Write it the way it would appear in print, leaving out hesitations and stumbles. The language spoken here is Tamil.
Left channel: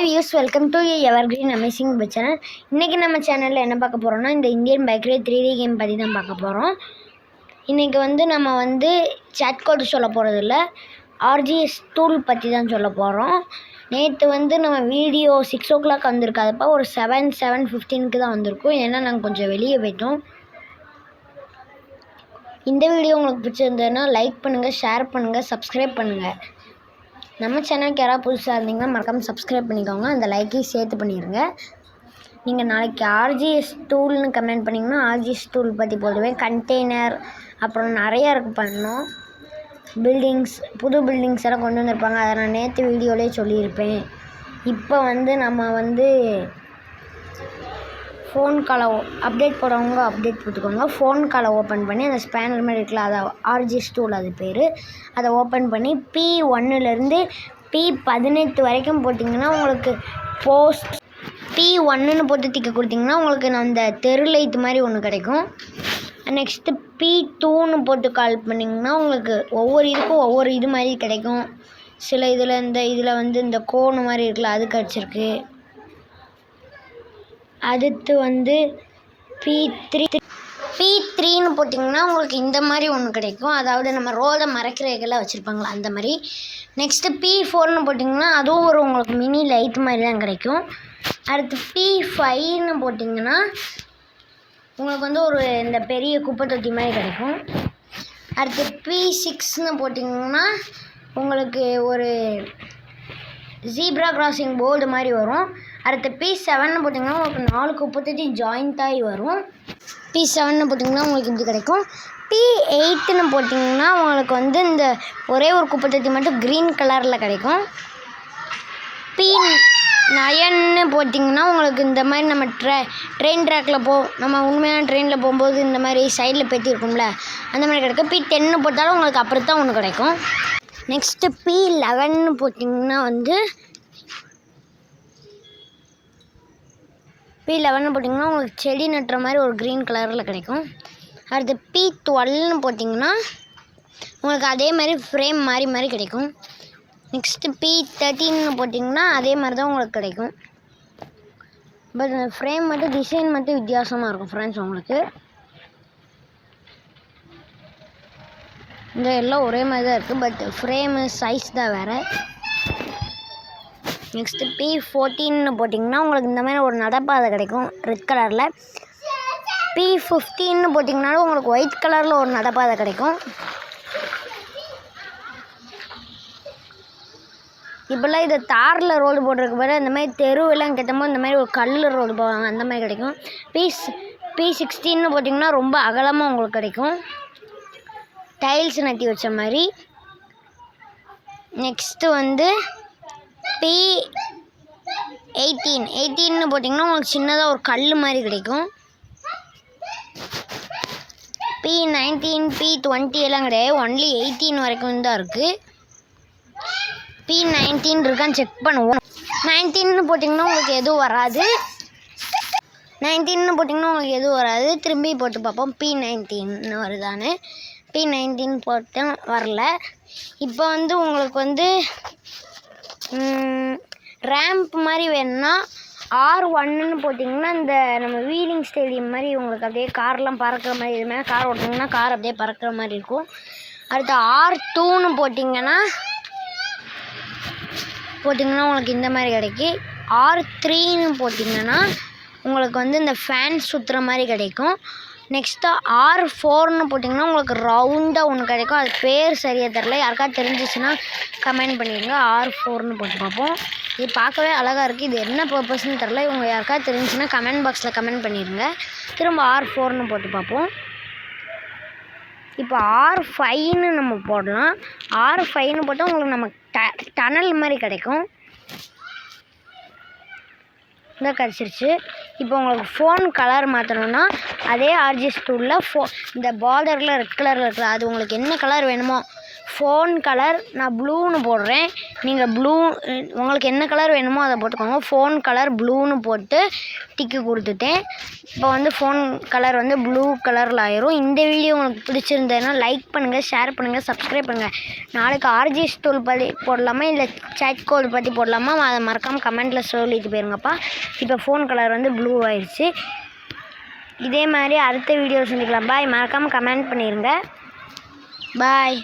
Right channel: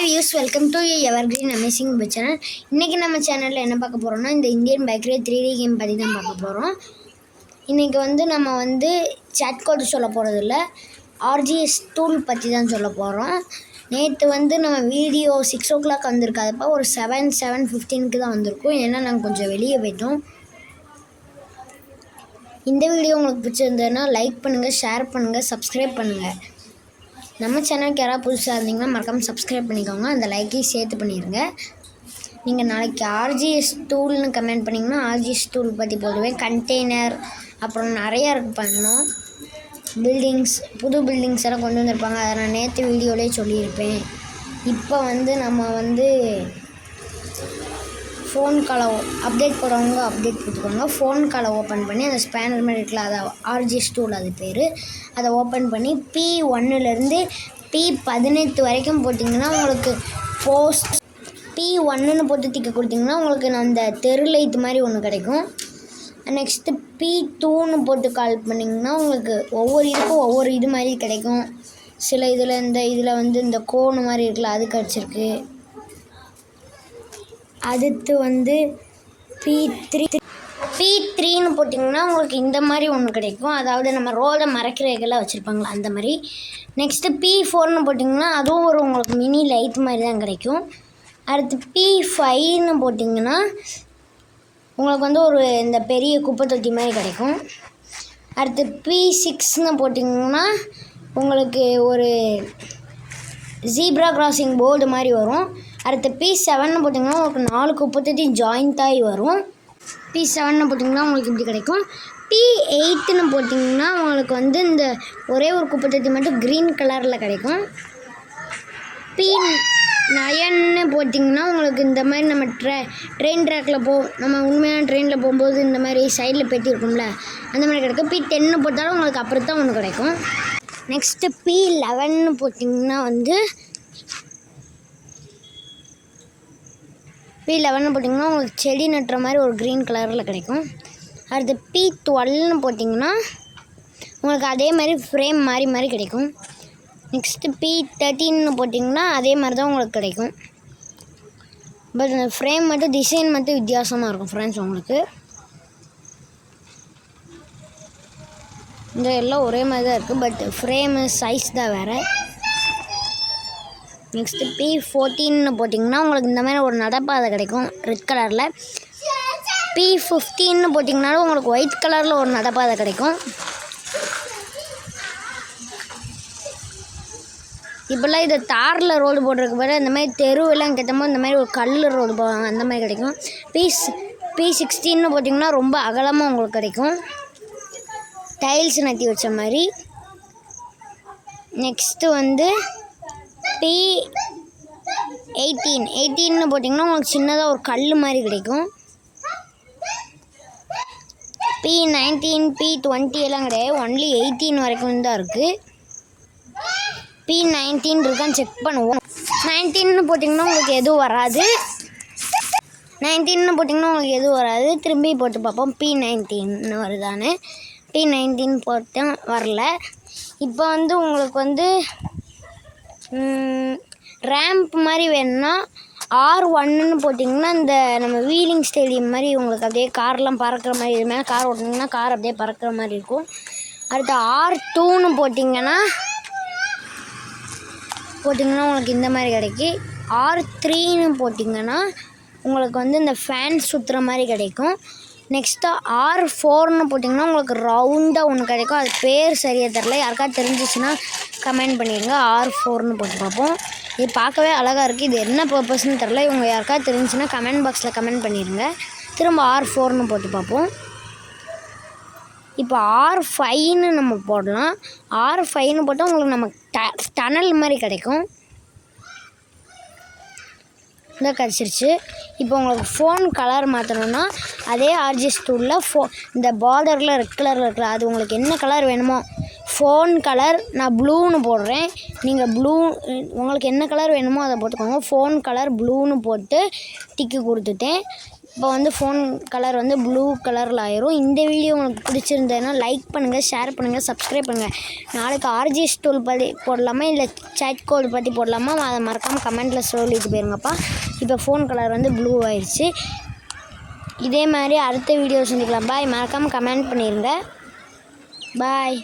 Hi viewers, welcome to Evergreen Amazing Web channel. இன்னைக்கு நம்ம சேனல்ல என்ன பார்க்க போறோம்னா இந்த இந்தியன் பேக்கரி 3D கேம் பத்தி தான் பார்க்க போறோம். இன்னைக்கு நம்ம சாட் கோட் சொல்ல போறது இல்ல. RGS டூல் பத்தி தான் சொல்ல போறோம். நேத்து நம்ம வீடியோ 6 o'clock வந்திருக்காதுப்பா ஒரு 7:15க்கு தான் வந்திருக்கும். ஏன்னா நாங்க கொஞ்சம் வெளிய போய்ட்டோம். இந்த வீடியோ உங்களுக்கு பிடிச்சிருந்ததுன்னா லைக் பண்ணுங்க, ஷேர் பண்ணுங்க, Subscribe பண்ணுங்க. நம்ம சேனலுக்கு யாராவது புதுசாக இருந்தீங்கன்னா மறக்காமல் சப்ஸ்கிரைப் பண்ணிக்கோங்க. அந்த லைக்கையும் சேர்த்து பண்ணிடுங்க. நீங்கள் நாளைக்கு RGS டூல்னு கமெண்ட் பண்ணிங்கன்னா RGS டூல் பற்றி போடுவேன். கண்டெய்னர் அப்புறம் நிறையா இருக்குது பண்ணோம். புது பில்டிங்ஸ் எல்லாம் கொண்டு வந்திருப்பாங்க. அதை நான் நேற்று வீடியோலேயே சொல்லியிருப்பேன். இப்போ நம்ம ஃபோன் காலை அப்டேட் போடுறவங்க அப்டேட் கொடுத்துக்கோங்க. ஃபோன் காலை ஓப்பன் பண்ணி அந்த ஸ்பேனர் மாதிரி இருக்குல்ல, அதை RGS டூல் அது பேர். அதை ஓப்பன் பண்ணி P1லேருந்து P18 வரைக்கும் போட்டிங்கன்னா உங்களுக்கு போஸ்ட் P1ன்னு போட்டு டிக்க கொடுத்திங்கன்னா உங்களுக்கு அந்த தெரு லைட் மாதிரி ஒன்று கிடைக்கும். நெக்ஸ்ட்டு P2ன்னு போட்டு கால் பண்ணிங்கன்னா உங்களுக்கு ஒவ்வொரு இதுக்கும் ஒவ்வொரு இது மாதிரி கிடைக்கும். சில இதில் இந்த கோணு மாதிரி இருக்குல்ல, அது கிடச்சிருக்கு. அடுத்து P3ன்னு போட்டிங்கன்னா உங்களுக்கு இந்த மாதிரி ஒன்று கிடைக்கும். அதாவது நம்ம ரோலை மறைக்கிற இதெல்லாம் வச்சுருப்பாங்களா அந்த மாதிரி. நெக்ஸ்ட்டு P4ன்னு போட்டிங்கன்னா அதுவும் உங்களுக்கு மினி லைட் மாதிரி தான் கிடைக்கும். அடுத்து P5ன்னு போட்டிங்கன்னா உங்களுக்கு ஒரு இந்த பெரிய குப்பை தொட்டி மாதிரி கிடைக்கும். அடுத்து P6ன்னு போட்டிங்கன்னா உங்களுக்கு ஒரு ஜீப்ரா கிராசிங் போர்டு மாதிரி வரும். அடுத்து P7ன்னு போட்டிங்கன்னா உங்களுக்கு 4 குப்பை தொட்டி ஜாயிண்ட் ஆகி வரும். P7ன்னு போட்டிங்கன்னா உங்களுக்கு இப்படி கிடைக்கும். P8ன்னு போட்டிங்கன்னா உங்களுக்கு இந்த ஒரே ஒரு குப்பை தொட்டி மட்டும் க்ரீன் கலரில் கிடைக்கும். P9ன்னு போட்டிங்கன்னா உங்களுக்கு இந்த மாதிரி நம்ம ட்ரெயின் ட்ராக்கில் நம்ம உண்மையான ட்ரெயினில் போகும்போது இந்த மாதிரி சைடில் பெட்டி இருக்கும்ல, அந்த மாதிரி கிடைக்கும். P10ன்னு போட்டாலும் உங்களுக்கு அப்படி தான் ஒன்று கிடைக்கும். நெக்ஸ்ட்டு P11ன்னு போட்டிங்கன்னா P11ன்னு போட்டிங்கன்னா உங்களுக்கு செடி நட்டுற மாதிரி ஒரு க்ரீன் கலரில் கிடைக்கும். அடுத்து P12ன்னு போட்டிங்கன்னா உங்களுக்கு அதே மாதிரி ஃப்ரேம் மாதிரி கிடைக்கும். நெக்ஸ்ட்டு P13ன்னு போட்டிங்கன்னா அதே மாதிரி தான் உங்களுக்கு கிடைக்கும். பட் அந்த ஃப்ரேம் மட்டும் டிசைன் மட்டும் வித்தியாசமாக இருக்கும் ஃப்ரெண்ட்ஸ். உங்களுக்கு இந்த எல்லாம் ஒரே மாதிரி தான் இருக்குது, பட் ஃப்ரேமு சைஸ் தான் வேறு. நெக்ஸ்ட்டு P14ன்னு போட்டிங்கன்னா உங்களுக்கு இந்த மாதிரி ஒரு நடப்பாதை கிடைக்கும் ரெட் கலரில். P15ன்னு போட்டிங்கனாலும் உங்களுக்கு ஒயிட் கலரில் ஒரு நடப்பாதை கிடைக்கும். இப்போல்லாம் இதை தாரில் ரோடு போட்டிருக்கு பாரு, அந்த மாதிரி தெருவெல்லாம் கெட்டமோ இந்த மாதிரி ஒரு கல்லில் ரோடு போவாங்க, அந்த மாதிரி கிடைக்கும். P16ன்னு போட்டிங்கன்னா ரொம்ப அகலமாக உங்களுக்கு கிடைக்கும், டைல்ஸ் நட்டி வச்ச மாதிரி. நெக்ஸ்ட்டு P18ன்னு போட்டிங்கன்னா உங்களுக்கு சின்னதாக ஒரு கல் மாதிரி கிடைக்கும். P19 P20 எல்லாம் கிடையாது, ஒன்லி 18 வரைக்கும் தான் இருக்குது. P19 இருக்கான்னு செக் பண்ணுவோம். 19ன்னு போட்டிங்கன்னா உங்களுக்கு எதுவும் வராது. திரும்பி போட்டு பார்ப்போம் P19 வருதான்னு. P19 போட்டேன், வரல. இப்போ உங்களுக்கு ரேம்ப் மாதிரி வேணும்னா R1ன்னு போட்டிங்கன்னா இந்த நம்ம வீலிங் ஸ்டேடியம் மாதிரி உங்களுக்கு அப்படியே கார்லாம் பறக்கிற மாதிரி, இது மேலே கார் ஓட்டிங்கன்னா கார் அப்படியே பறக்கிற மாதிரி இருக்கும். அடுத்து R2ன்னு போட்டிங்கன்னா உங்களுக்கு இந்த மாதிரி கிடைக்கும். R3ன்னு போட்டிங்கன்னா உங்களுக்கு இந்த ஃபேன் சுற்றுற மாதிரி கிடைக்கும். நெக்ஸ்ட்டு R4ன்னு போட்டிங்கன்னா உங்களுக்கு ரவுண்டாக ஒன்று கிடைக்கும். அது பேர் சரியாக தெரில, யாருக்காவது தெரிஞ்சிச்சுன்னா கமெண்ட் பண்ணிடுங்க. R4ன்னு போட்டு பார்ப்போம். இது பார்க்கவே அழகாக இருக்குது, இது என்ன பர்பஸ்ன்னு தெரில. இவங்க யாருக்காவது தெரிஞ்சுன்னா கமெண்ட் பாக்ஸில் கமெண்ட் பண்ணிடுங்க. திரும்ப R4ன்னு போட்டு பார்ப்போம். இப்போ R5ன்னு நம்ம போடலாம். R5ன்னு போட்டால் உங்களுக்கு நம்ம டனல் மாதிரி கிடைக்கும். இதான் கிடச்சிருச்சு. இப்போ உங்களுக்கு ஃபோன் கலர் மாற்றணுன்னா அதே RGS டூலில் இந்த பார்டரில் ரெட் கலரில் இருக்குல்ல, அது உங்களுக்கு என்ன கலர் வேணுமோ ஃபோன் கலர் நான் ப்ளூன்னு போடுறேன். நீங்கள் ப்ளூ உங்களுக்கு என்ன கலர் வேணுமோ அதை போட்டுக்கோங்க. ஃபோன் கலர் ப்ளூன்னு போட்டு டிக்கு கொடுத்துட்டேன். இப்போ வந்து ஃபோன் கலர் வந்து ப்ளூ கலரில் ஆயிரும். இந்த வீடியோ உங்களுக்கு பிடிச்சிருந்ததுன்னா லைக் பண்ணுங்கள், ஷேர் பண்ணுங்கள், சப்ஸ்கிரைப் பண்ணுங்கள். நாளைக்கு ஆர்ஜிஎஸ் டூல் பற்றி போடலாமா இல்லை சேட் கோட் பற்றி போடலாமா அதை மறக்காமல் கமெண்ட்டில் சொல்லிட்டு போயிருங்கப்பா. இப்போ ஃபோன் கலர் வந்து ப்ளூ ஆயிடுச்சு. இதே மாதிரி அடுத்த வீடியோ சந்திக்கலாம். பாய். மறக்காமல் கமெண்ட் பண்ணிடுங்க. பாய்.